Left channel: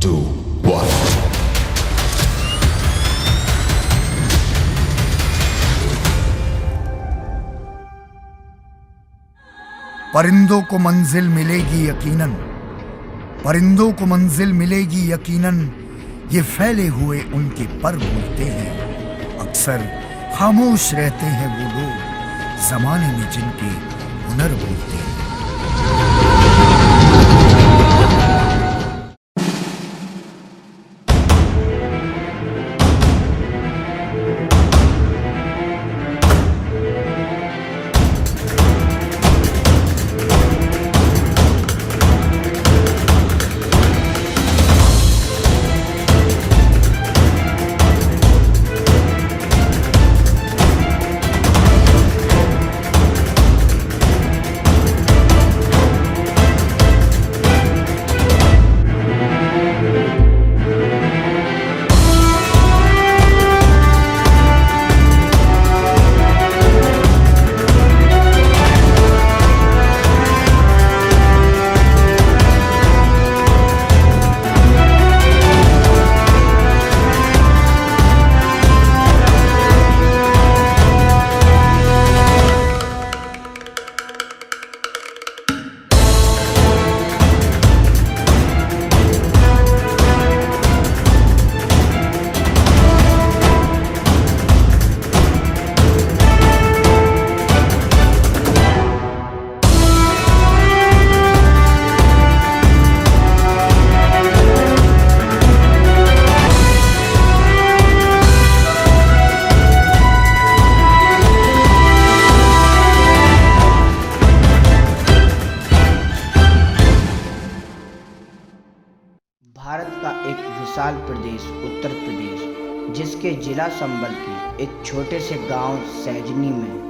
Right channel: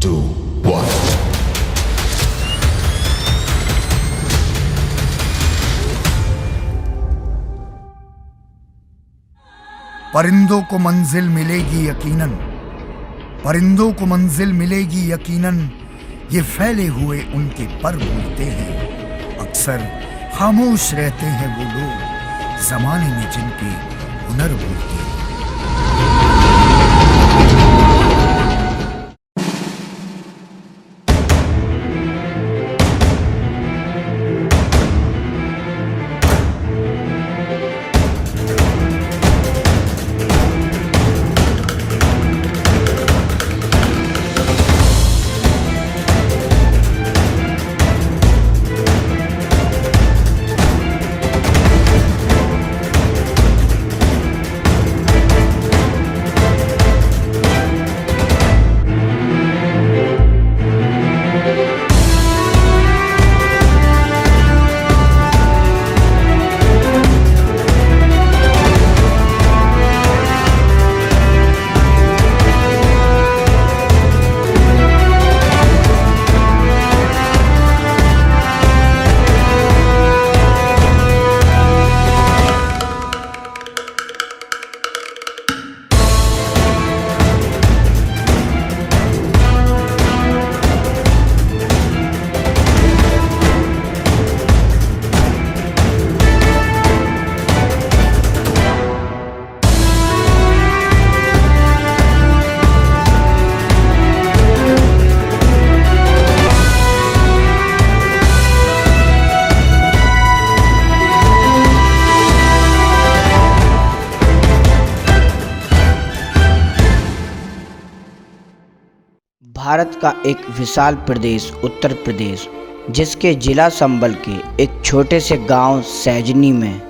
2, 1. परिंदों को मंजिल मिलेगी यकीनन, परिंदों को मंजिल मिलेगी यकीनन, ये फैले हुए उनके पर बोलते हैं। अक्सर खामोश रहते हैं वो लोग, जमाने में जिनके हुनर बोलते हैं। भारत का एक विशाल प्रदेश उत्तर प्रदेश, जिसके जिला संबल के एक छोटे से गांव सैजनी में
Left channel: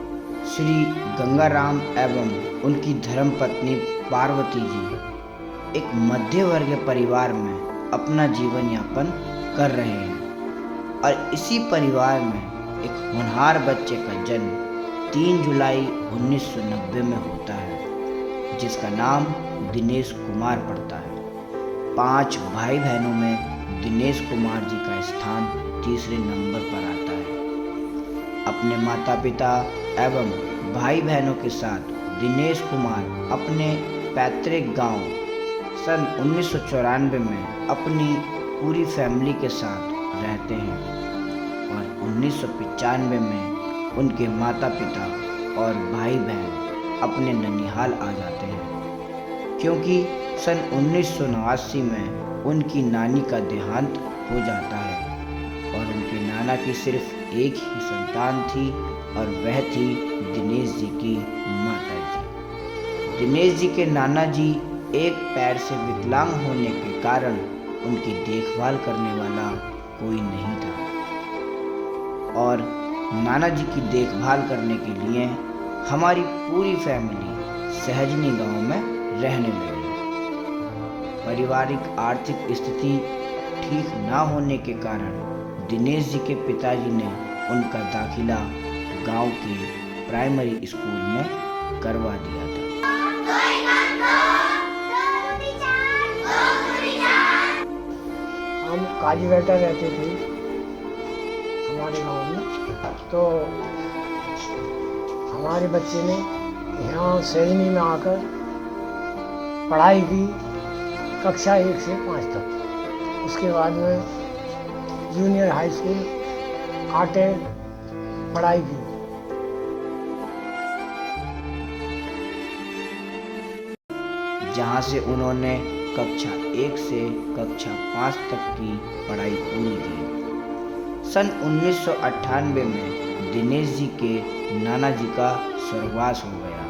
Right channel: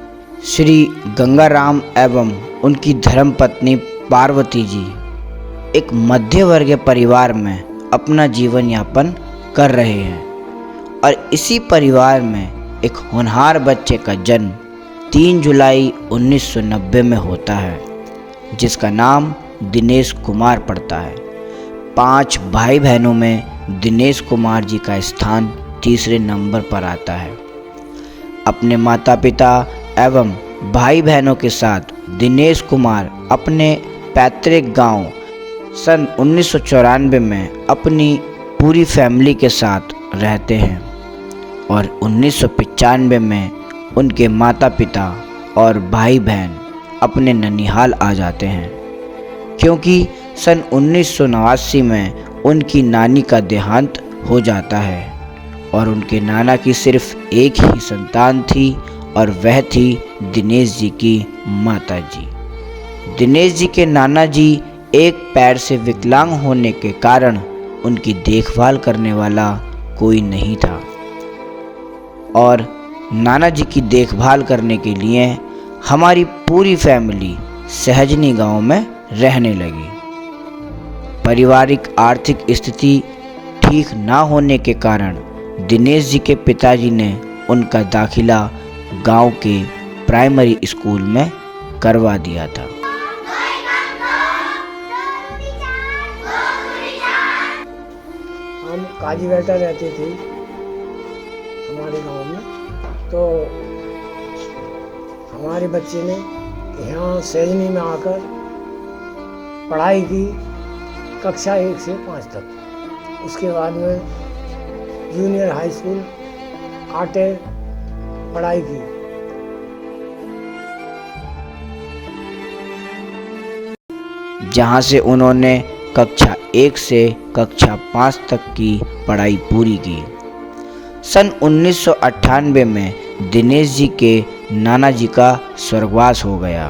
श्री गंगाराम एवं उनकी धर्मपत्नी पार्वती जी एक मध्यवर्गीय परिवार में अपना जीवन यापन कर रहे हैं। और इसी परिवार में एक होनहार बच्चे का जन्म 3 जुलाई 1990 में होता है, जिसका नाम दिनेश कुमार पड़ता है। 5 भाई बहनों में दिनेश कुमार जी का स्थान तीसरे नंबर पर आता है। अपने माता पिता एवं भाई बहनों के साथ दिनेश कुमार अपने पैतृक गांव सन 1994 में अपनी पूरी फैमिली के साथ रहते हैं और 1995 में उनके माता पिता और भाई बहन अपने ननिहाल आ जाते हैं, क्योंकि सन 1989 में उनकी नानी का देहांत हो जाता है और उनके नाना की सिर्फ एक ही संतान थी और वह थी दिनेश जी की माता जी। दिनेश जी के नाना जी एक पैर से विकलांग होने के कारण उनकी देखभाल करने वाला कोई नहीं था और नाना जी की देखभाल करने के लिए हमारी पूरी फैमिली सहजनी गांव में रहने लगी। पारिवारिक आर्थिक स्थिति ठीक ना होने के कारण दिनेश जी के पिताजी ने उनका दाखिला गांव के प्राइमरी स्कूल में करवा दिया था। हम काजीबेटा रहते थे हमारे गांव में, तो हमारे बच्चे ने यहाँ सैजनी में आकर पढ़ाई की कक्षा 1 से 5 तक। उसके बाद में जूनियर हाई स्कूल आटे पढ़ाई की। जहाँ से उन्होंने कक्षा 1 से कक्षा 5 तक की पढ़ाई पूरी की। सन 1998 में दिनेश जी के नाना जी का स्वर्गवास हो गया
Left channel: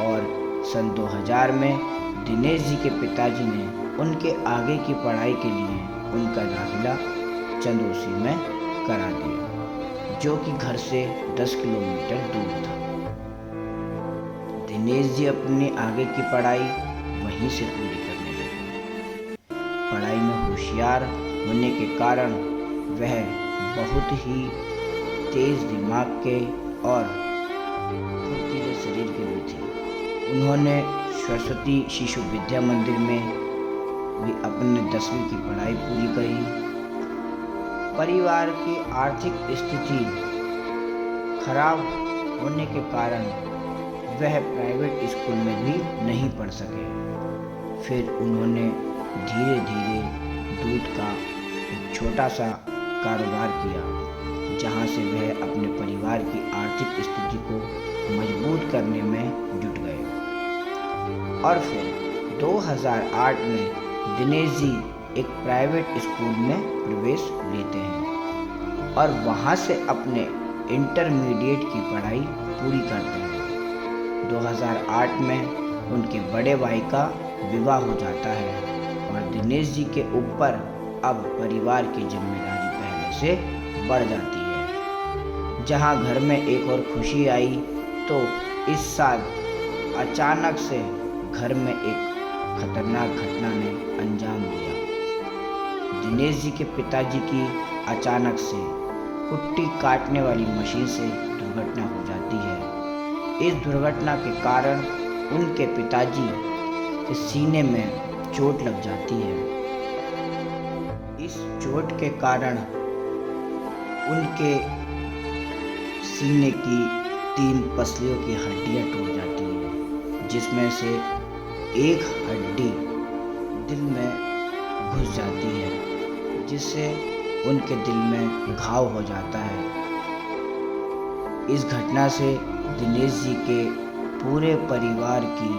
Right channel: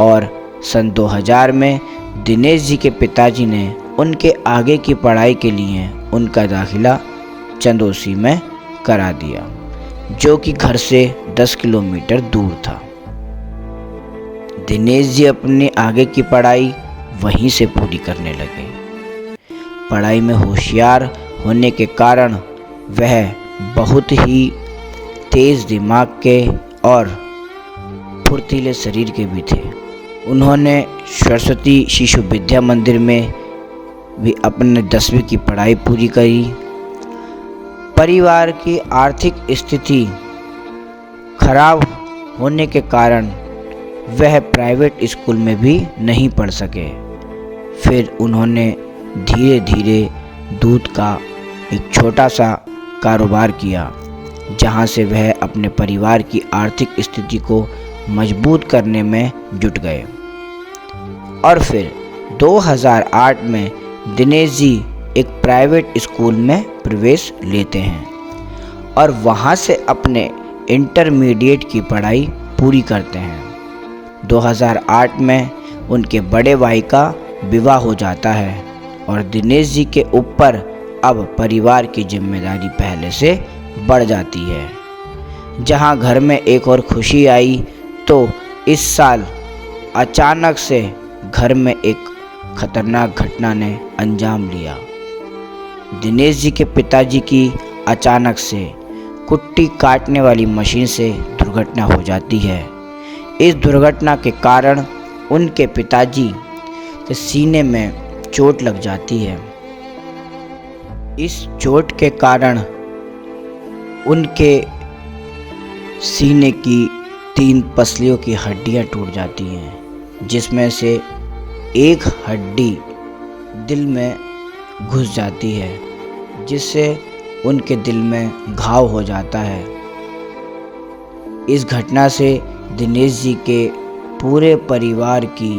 और सन 2000 में दिनेश जी के पिताजी ने उनके आगे की पढ़ाई के लिए उनका दाखिला चंदोसी में करा दिया, जो कि घर से 10 किलोमीटर दूर था। दिनेश जी अपनी आगे की पढ़ाई वहीं से पूरी करने लगे। पढ़ाई में होशियार होने के कारण वह बहुत ही तेज दिमाग के और फुर्तीले शरीर के भी थे। उन्होंने सरस्वती शिशु विद्या मंदिर में भी अपने 10वीं की पढ़ाई पूरी करी। परिवार की आर्थिक स्थिति खराब होने के कारण वह प्राइवेट स्कूल में भी नहीं पढ़ सके। फिर उन्होंने धीरे धीरे दूध का एक छोटा सा कारोबार किया, जहां से वह अपने परिवार की आर्थिक स्थिति को मजबूत करने में जुट गए। और फिर 2008 में दिनेश जी एक प्राइवेट स्कूल में प्रवेश लेते हैं और वहां से अपने इंटरमीडिएट की पढ़ाई पूरी करते हैं। 2008 में उनके बड़े भाई का विवाह हो जाता है और दिनेश जी के ऊपर अब परिवार की जिम्मेदारी पहले से बढ़ जाती है। जहां घर में एक और खुशी आई तो इस साल अचानक से घर में एक खतरनाक घटना ने अंजाम लिया। दिनेश जी के पिताजी की अचानक से कुट्टी काटने वाली मशीन से दुर्घटना हो जाती है। इस दुर्घटना के कारण उनके पिताजी के सीने में चोट लग जाती है। इस चोट के कारण उनके सीने की 3 पसलियों की हड्डियां टूट जाती हैं, जिसमें से एक हड्डी दिल में घुस जाती है, जिससे उनके दिल में घाव हो जाता है। इस घटना से दिनेश जी के पूरे परिवार की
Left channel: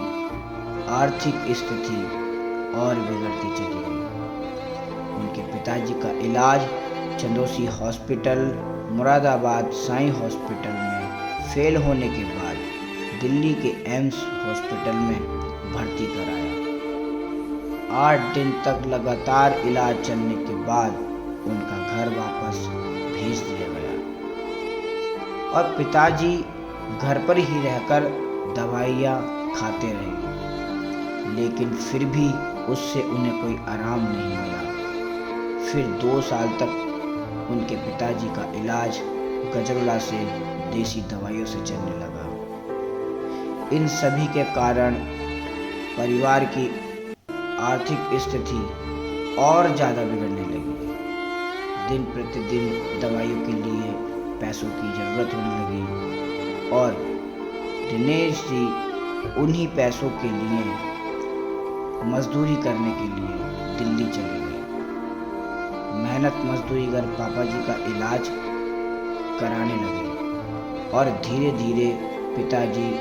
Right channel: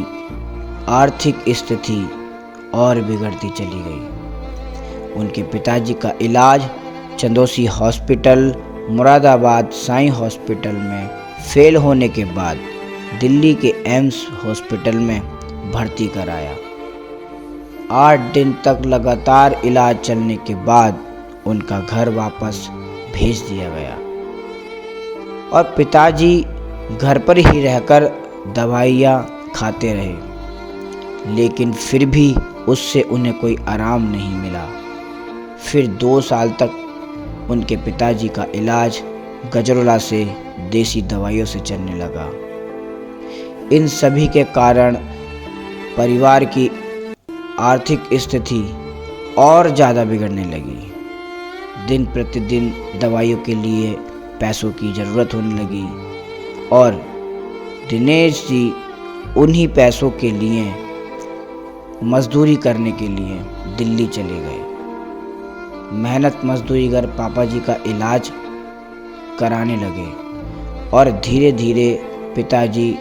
आर्थिक स्थिति और बिगड़ती चली गई। उनके पिताजी का इलाज चंदौसी हॉस्पिटल, मुरादाबाद साईं हॉस्पिटल में फेल होने के बाद दिल्ली के एम्स हॉस्पिटल में भर्ती कराया। 8 दिन तक लगातार इलाज चलने के बाद उनका घर वापस भेज दिया गया और पिताजी घर पर ही रहकर दवाइयाँ खाते रहे, लेकिन फिर भी उससे उन्हें कोई आराम नहीं मिला। फिर 2 साल तक उनके पिताजी का इलाज गजरोला से देसी दवाइयों से चलने लगा। इन सभी के कारण परिवार की आर्थिक स्थिति और ज़्यादा बिगड़ने लगी। दिन प्रतिदिन दवाइयों के लिए पैसों की ज़रूरत होने लगी और दिनेश जी उन्हीं पैसों के लिए मजदूरी करने के लिए दिल्ली चले गए। मेहनत मजदूरी कर पापा जी का इलाज कराने लगे और धीरे धीरे पिताजी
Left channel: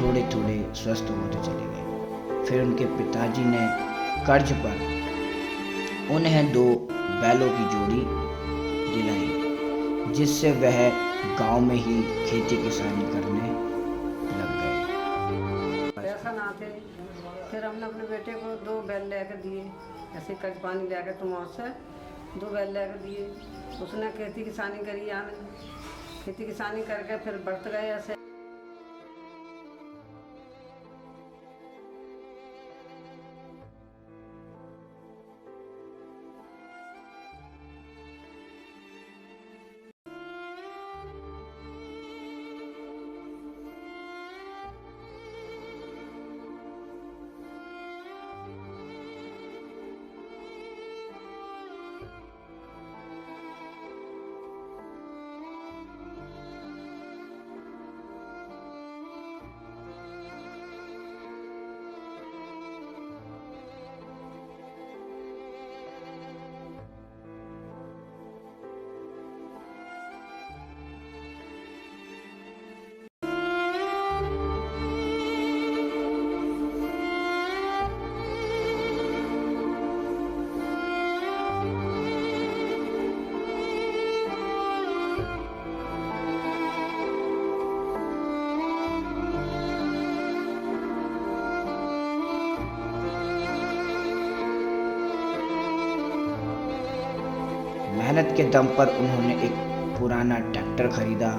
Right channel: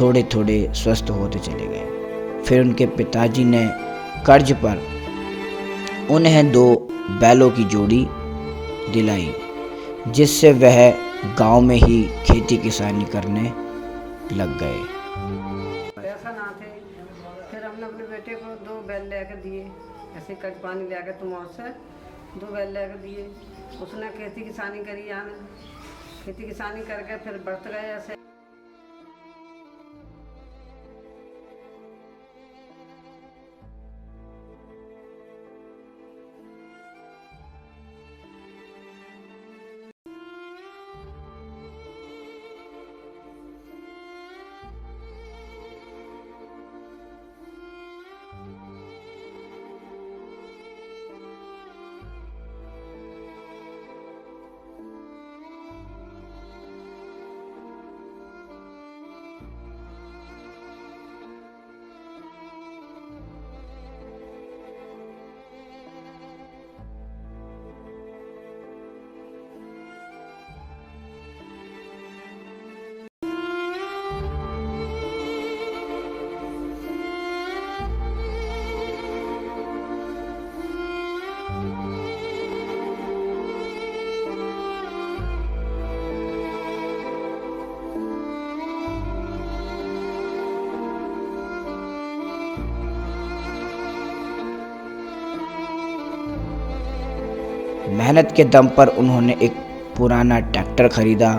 थोड़े थोड़े स्वस्थ होते चले गए। फिर उनके पिताजी ने कर्ज पर उन्हें 2 बैलों की जोड़ी दिलाई, जिससे वह गांव में ही खेती किसानी करने लग गए। पैसा ना थे, फिर हमने अपने बेटे को 2 बैल लेकर दिए। ऐसे कर्ज पानी लेकर तुम और से 2 बैल लेकर दिए। उसने खेती किसानी करी, यानी खेती किसानी करके फिर बढ़त गए ऐसे। मेहनत के दम पर उन्होंने एक पुराना ट्रैक्टर खरीदा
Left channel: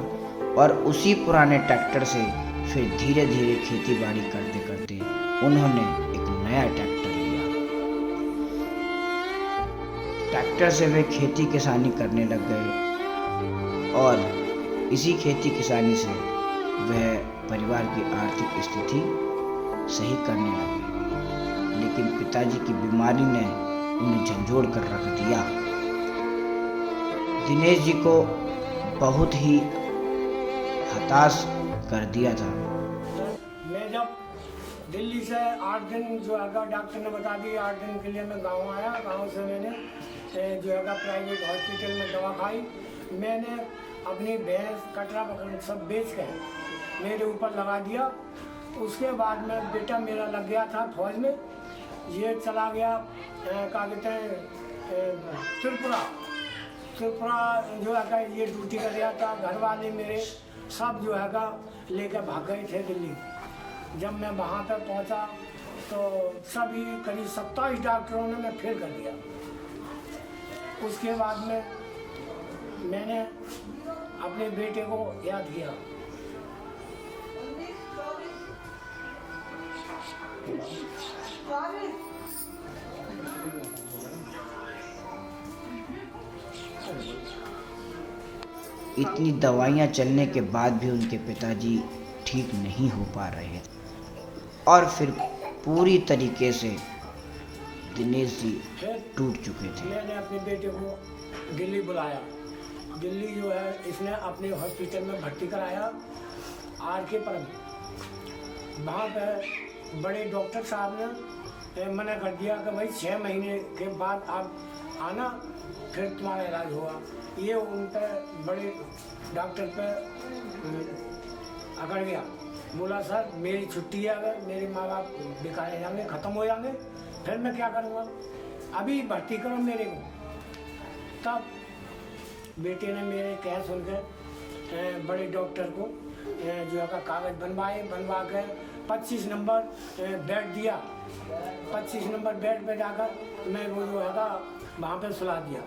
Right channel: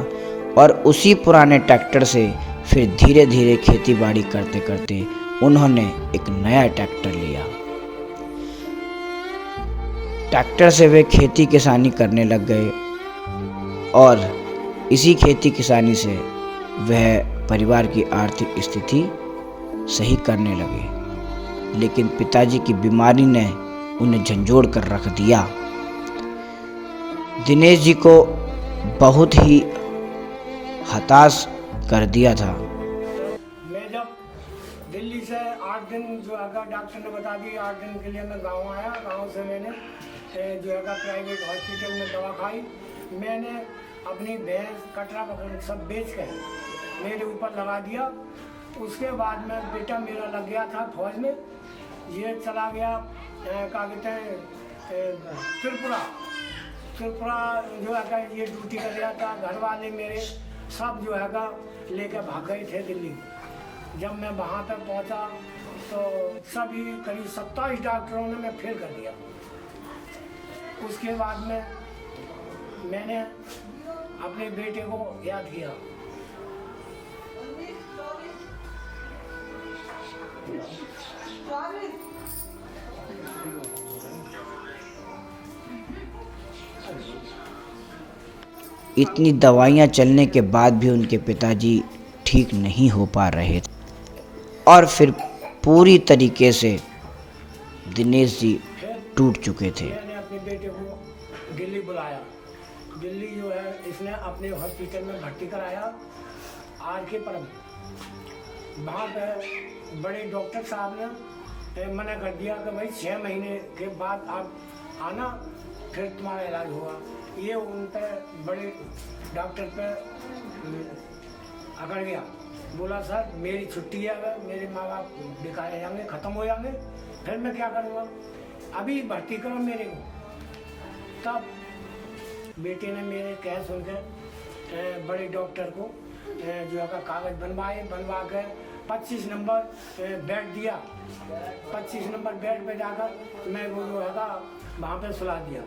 और उसी पुराने ट्रैक्टर से फिर धीरे धीरे खेती बाड़ी करते करते उन्होंने एक नया ट्रैक्टर लिया। ट्रैक्टर से वे खेती किसानी करने लग गए और इसी खेती किसानी से वह परिवार की आर्थिक स्थिति सही करने लगे। लेकिन पिताजी की बीमारी ने उन्हें झंझोड़ कर रख दिया। दिनेश जी को बहुत ही हताश कर दिया था। मैं जब दिल्ली से 8 दिन जो है डॉक्टर ने बता दिया 8 दिन के लिए मैं गांव आया। गांव से मैंने जो है प्राइवेट हॉस्पिटल में दवा खाई। मैंने अपनी भैंस कटरा पकड़ सब बेच कर मेरे ऊपर लगा दिया। उसके बाद में बेटा मेरा लग गया था फौज में, ये चला गया क्या कहते हैं त्रिपुरा जो है ये ड्यूटी कर रहा था। घर वाले मेरे सब जो है लेकर भाग गए थे दिल्ली। जब मैं वहाँ पर पहुँचा तो सभी करीब 27 डॉक्टरों ने मैं फेल कर दिया। उसके बाद में मैंने अपने बेटे को याद किया। इतनी दवाइयाँ चलने के बाद भी उनके पिताजी ठीक नहीं हो पा रहे थे और फिर पूरी तरीके से दिनेश जी टूट चुके थे। मैंने अपने बेटे को दिल्ली बुलाया। दिल्ली जो है इसने अपने हॉस्पिटल में भर्ती कराया RK परम। वहाँ पे बड़े डॉक्टर साहब ने मना कर दिया कि भाई 6 महीने के बाद आप आना, फिर तुम्हारा इलाज होगा। ये उन पे बड़े डॉक्टर पे अकड़ गया। बोला सर मेरी छुट्टी है, अगर मेरे माँ बाप बेकार जाएंगे, ख़त्म हो जाएंगे, फिर मैं क्या करूँगा, अभी भर्ती करो मेरे को। तब बेटे ने मेरे कह सुनकर बड़े डॉक्टर को जो है कागज़ बनवा कर 25 नंबर बेड दिया। 25 नंबर बेड पे जाकर मैं वो जो है वहाँ पे सुला दिया।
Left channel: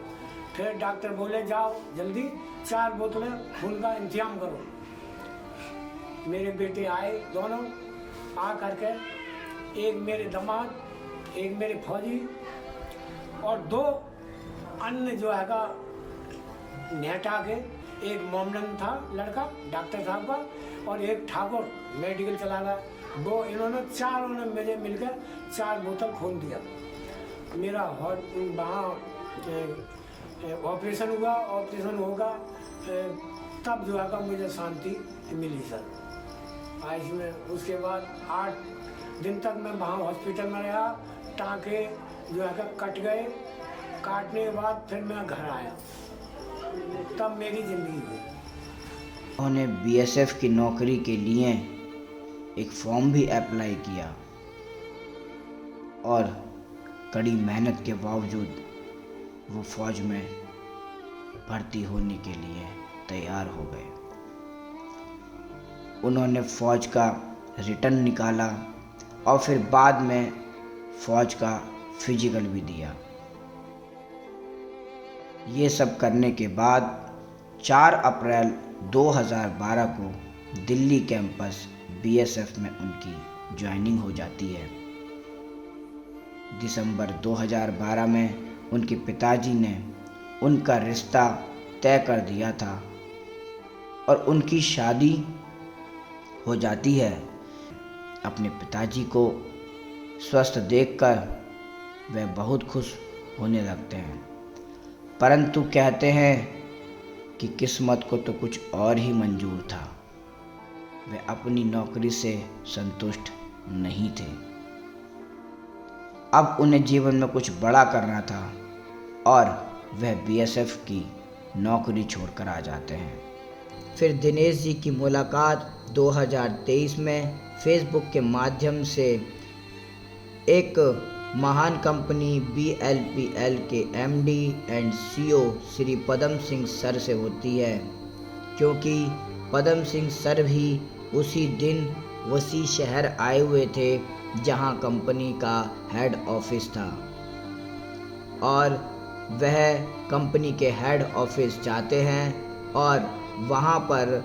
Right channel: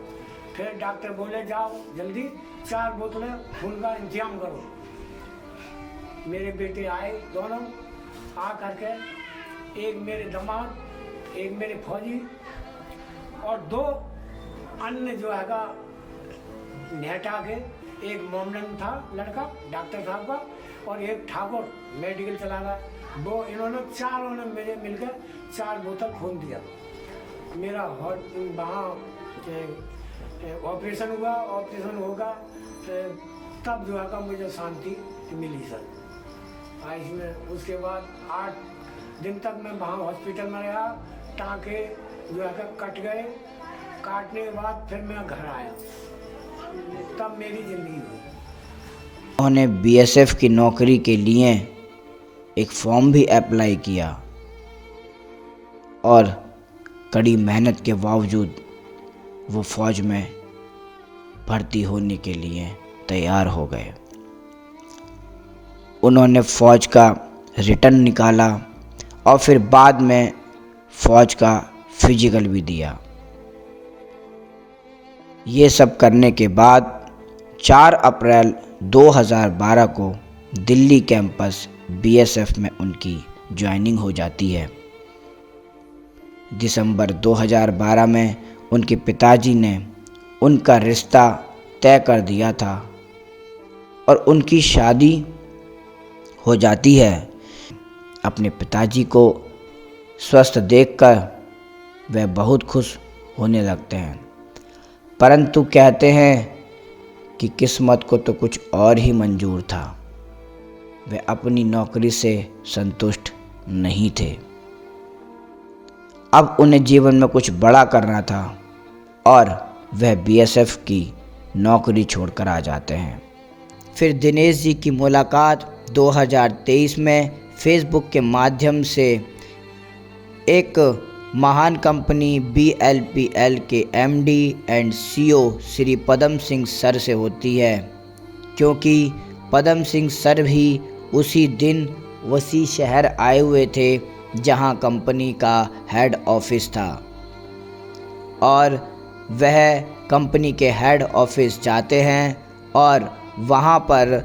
फिर डॉक्टर बोले जाओ जल्दी 4 बोतलें खून का इंतजाम करो। मेरे बेटे आए दोनों, आ करके एक मेरे दामाद, एक मेरे फौजी और 2 अन्य जो है नेटा के, एक मोमडन था लड़का डॉक्टर साहब का और एक ठाकुर मेडिकल चला रहा। वो इन्होंने चारों ने मेरे मिलकर 4 बोतल खून दिया। मेरा वहाँ ऑपरेशन हुआ। ऑपरेशन होगा तब जो है मुझे शांति मिली सर आयुष में। उसके बाद 8 दिन तक मैं वहाँ हॉस्पिटल में रहा। टाँके जो है कट गए। काटने के बाद फिर मैं घर आया, तब मेरी ज़िंदगी हुई। उन्होंने BSF की नौकरी के लिए एक फॉर्म भी अप्लाई किया और कड़ी मेहनत के बावजूद वो फ़ौज में भर्ती होने के लिए तैयार हो गए। उन्होंने फ़ौज का रिटर्न निकाला और फिर बाद में फ़ौज का फिजिकल भी दिया। ये सब करने के बाद 4 अप्रैल 2012 को दिल्ली कैंपस BSF में उनकी ज्वाइनिंग हो जाती है। दिसंबर 2012 में उनके पिताजी ने उनका रिश्ता तय कर दिया था और उनकी शादी हो जाती है। अपने पिताजी को स्वस्थ देखकर वह बहुत खुश होने लगते हैं, परंतु कहते हैं कि किस्मत को तो कुछ और ही मंजूर था। वे अपनी नौकरी से संतुष्ट नहीं थे। अब उन्हें जीवन में कुछ बड़ा करना था और वह BSF की नौकरी छोड़कर आ जाते हैं। फिर दिनेश जी की मुलाकात 2023 में फेसबुक के माध्यम से एक महान कंपनी BLPL के MD and CEO Shri Padam Singh sir से होती है, क्योंकि पदम सिंह सर भी उसी दिन उसी शहर आए हुए थे जहां कंपनी का हेड ऑफिस था और वह कंपनी के हेड ऑफिस जाते हैं और वहां पर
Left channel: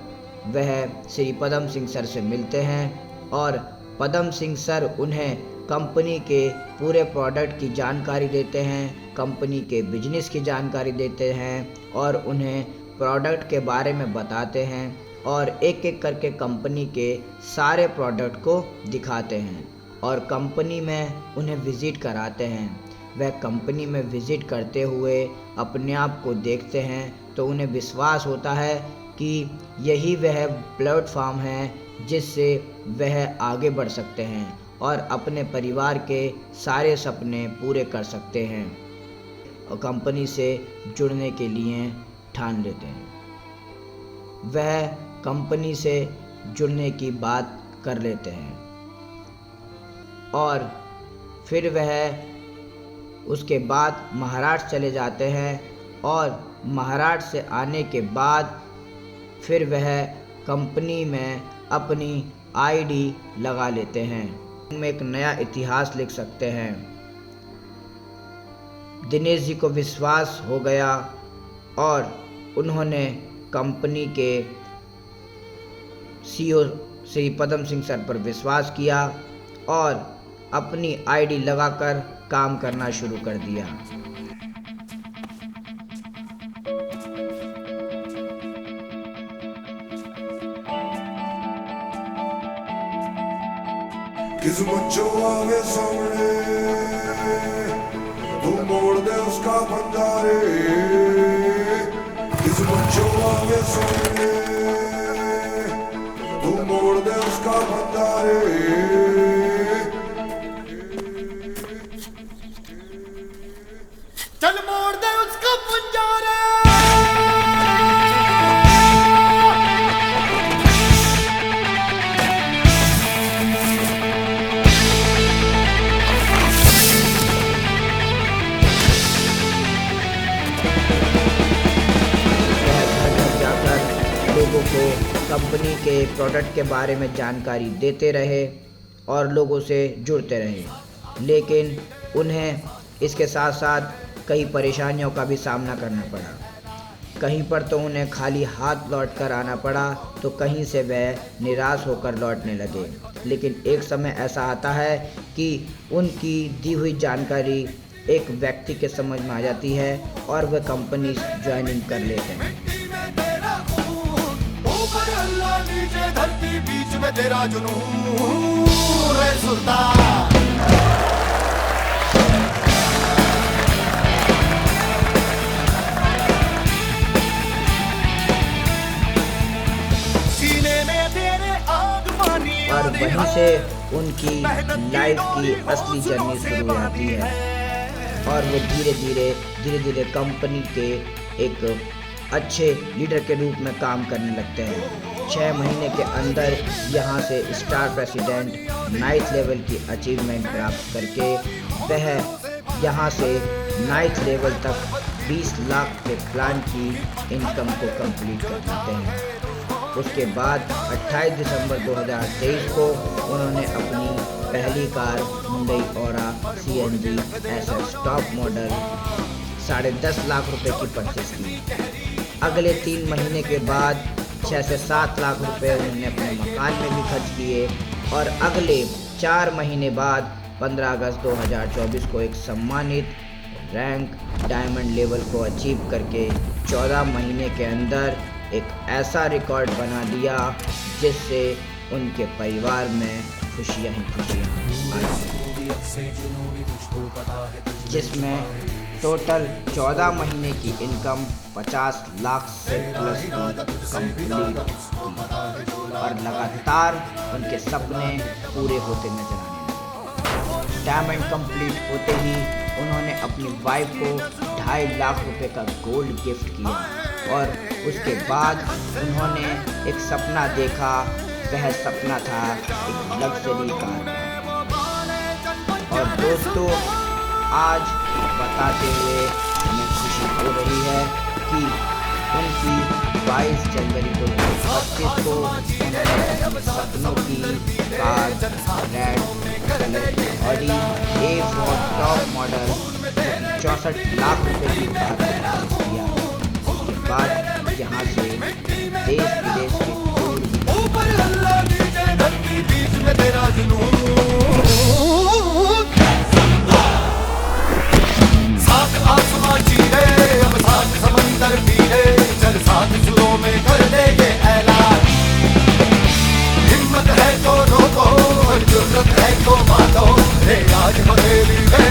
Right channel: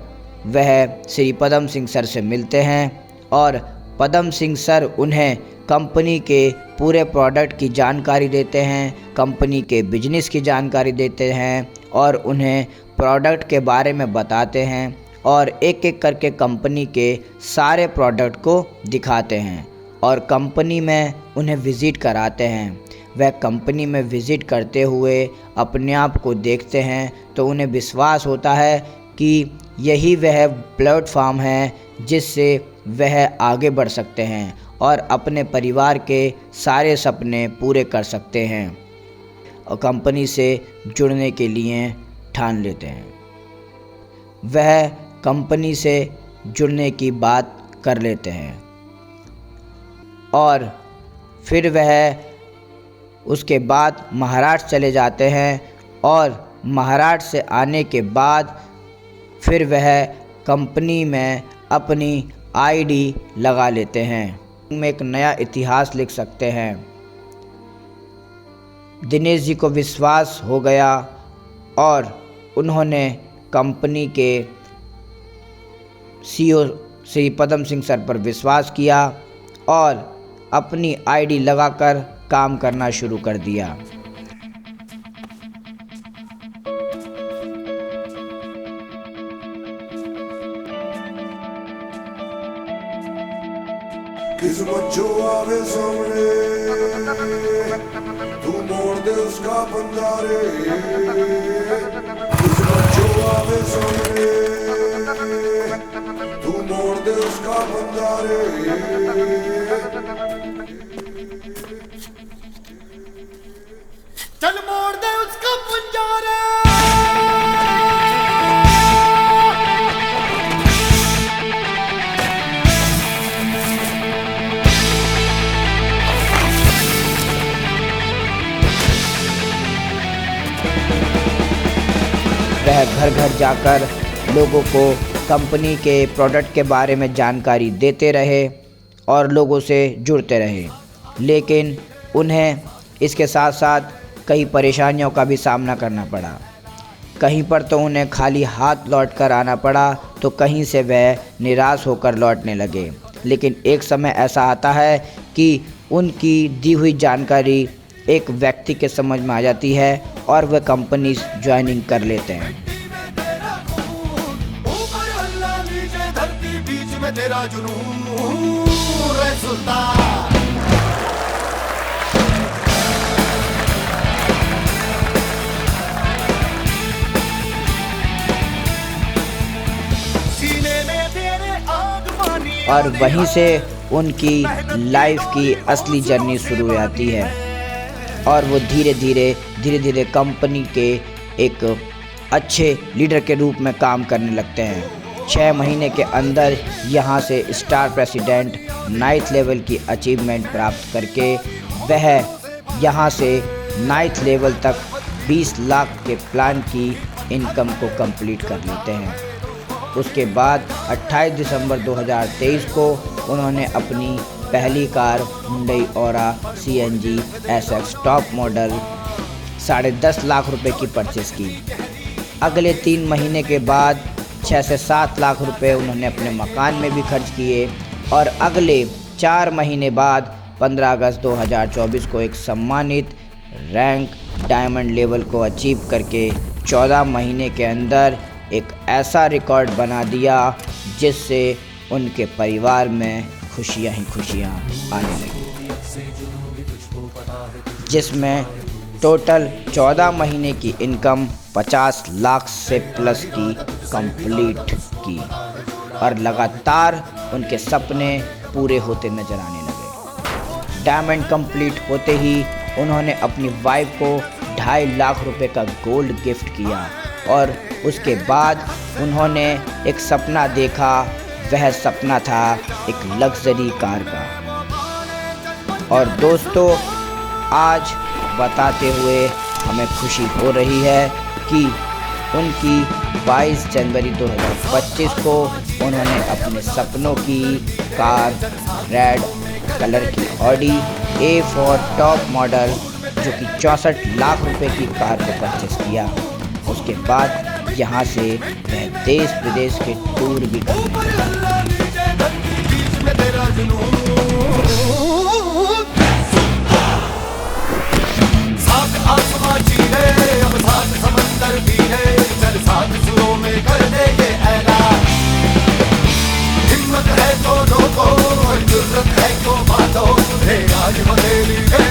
वह श्री पदम सिंह सर से मिलते हैं और पदम सिंह सर उन्हें कंपनी के पूरे प्रोडक्ट की जानकारी देते हैं, कंपनी के बिजनेस की जानकारी देते हैं और उन्हें प्रोडक्ट के बारे में बताते हैं और एक एक करके कंपनी के सारे प्रोडक्ट को दिखाते हैं और कंपनी में उन्हें विज़िट कराते हैं। वह कंपनी में विज़िट करते हुए अपने आप को देखते हैं तो उन्हें विश्वास होता है कि यही वह प्लेटफॉर्म है जिससे वह आगे बढ़ सकते हैं और अपने परिवार के सारे सपने पूरे कर सकते हैं और कंपनी से जुड़ने के लिए ठान लेते हैं। वह कंपनी से जुड़ने की बात कर लेते हैं और फिर वह उसके बाद महाराष्ट्र चले जाते हैं और महाराष्ट्र से आने के बाद फिर वह कंपनी में अपनी आईडी लगा लेते हैं। उनमें एक नया इतिहास लिख सकते हैं। दिनेश जी को विश्वास हो गया और उन्होंने कंपनी के सीईओ श्री पदम सिंह सर पर विश्वास किया और अपनी आईडी लगाकर काम करना शुरू कर दिया। किस्मत जो आवे सामने तू मोड़ दे उसका बंदा रे। किस्मत जो आवे सामने तू मोड़ दे उसका बंदा रे। चल मोड़ दे उसका पंजारा। वह घर घर जाकर लोगों को कंपनी के प्रोडक्ट के बारे में जानकारी देते रहे और लोगों से जुड़ते रहे, लेकिन उन्हें इसके साथ साथ कई परेशानियों का भी सामना करना पड़ा। कहीं पर तो उन्हें खाली हाथ लौट कर आना पड़ा तो कहीं से वह निराश होकर लौटने लगे। लेकिन एक समय ऐसा आता है कि उनकी दी हुई जानकारी एक व्यक्ति के समझ में आ जाती है और वह कंपनी ज्वाइनिंग कर लेते हैं। ऊपर अल्लाह नीचे धरती बीच में तेरा जुनून रे सुल्तान। और वहीं से उनकी लाइफ की असली जर्नी शुरू हो जाती है और वो धीरे धीरे कंपनी के एक अच्छे लीडर के रूप में काम करने लगते हैं। 6 महीने के अंदर यहाँ से स्टार प्रेसिडेंट 9th लेवल की अचीवमेंट प्राप्त करके वह यहाँ से 9th लेवल तक 20 लाख के प्लान की इनकम को कंप्लीट कर लेते हैं। उसके बाद 28 दिसंबर 2023 को उन्होंने अपनी पहली car Hyundai aura CNG SX top model 10.5 lakh रुपए की परचेस की। अगले 3 महीने के बाद 6 से 7 लाख रुपए उन्होंने अपने मकान में भी खर्च किए और अगले 4 महीने बाद 15 अगस्त 2024 को एक सम्मानित रैंक डायमंड लेवल को अचीव करके 14 महीने के अंदर एक ऐसा रिकॉर्ड बना दिया जिससे उनके परिवार में खुशियां ही खुशियां आई, जिसमें टोटल 14 महीने की इनकम 50 लाख से प्लस की कंप्लीट की और लगातार उनके सपने पूरे होते नजर आने लगे। डायमंड कंप्लीट होते ही उन्होंने अपनी वाइफ को 2.5 लाख रुपए का गोल्ड गिफ्ट किया और उसके बाद उन्होंने एक सपना देखा। वह सपना था एक लग्जरी कार का। और दोस्तों, आज बताते हुए हमें खुशी हो रही है कि उनकी 22 जनवरी 2025 को उन्होंने अपने सपनों की कार रेड कलर की ऑडी A4 टॉप मॉडल जो कि 64 लाख रुपए की कार को परचेस किया। उसके बाद यहाँ से देश विदेश के टूर भी साथ आसमां चीरे अब साथ समंदर पीरे चल साथ सुरों में कर दे ये ऐलान। हिम्मत है दोनों को जुर्रत है तो बात की हथेली है